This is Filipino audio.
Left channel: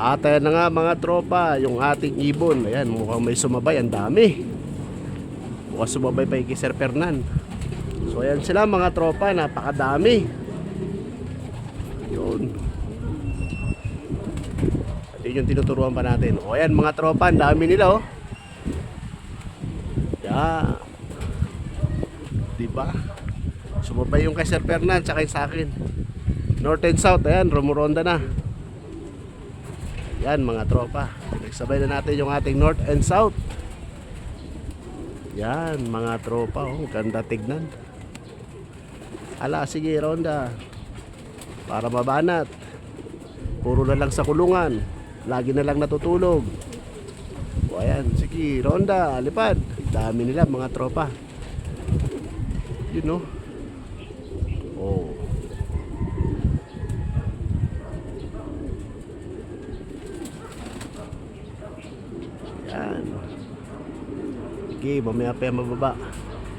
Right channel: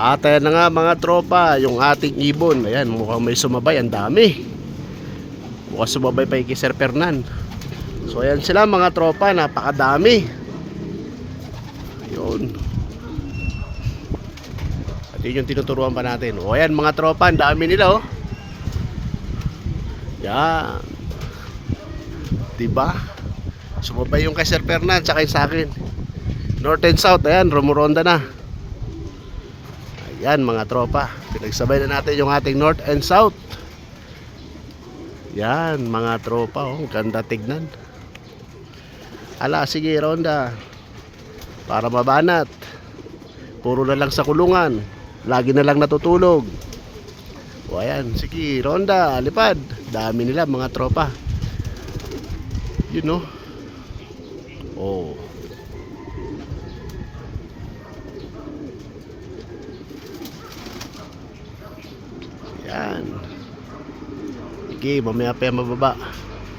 At ayan na nga mga tropa, yung ating ibon. Ayan, mukhang may sumabay, ang dami. Mukhang sumabay pa kay Sir Fernan. So ayan sila mga tropa, napakadami. Yun. At yun yung tinuturuan pa natin. O ayan mga tropa, ang dami nila oh. Yan. Diba? Sumabay yung kay Sir Fernan, tsaka yung sa akin. North and South, ayan, rumuronda na. Ayan mga tropa, pinagsabay na natin yung ating North and South. Yan mga tropa, oh, ganda tignan. Ala, sige ronda. Para mabanat. Puro na lang sa kulungan. Lagi na lang natutulog. O ayan, sige ronda, lipad. Dami nila mga tropa. You know. Oh. Yan. Sige, mamaya pa yan mababa.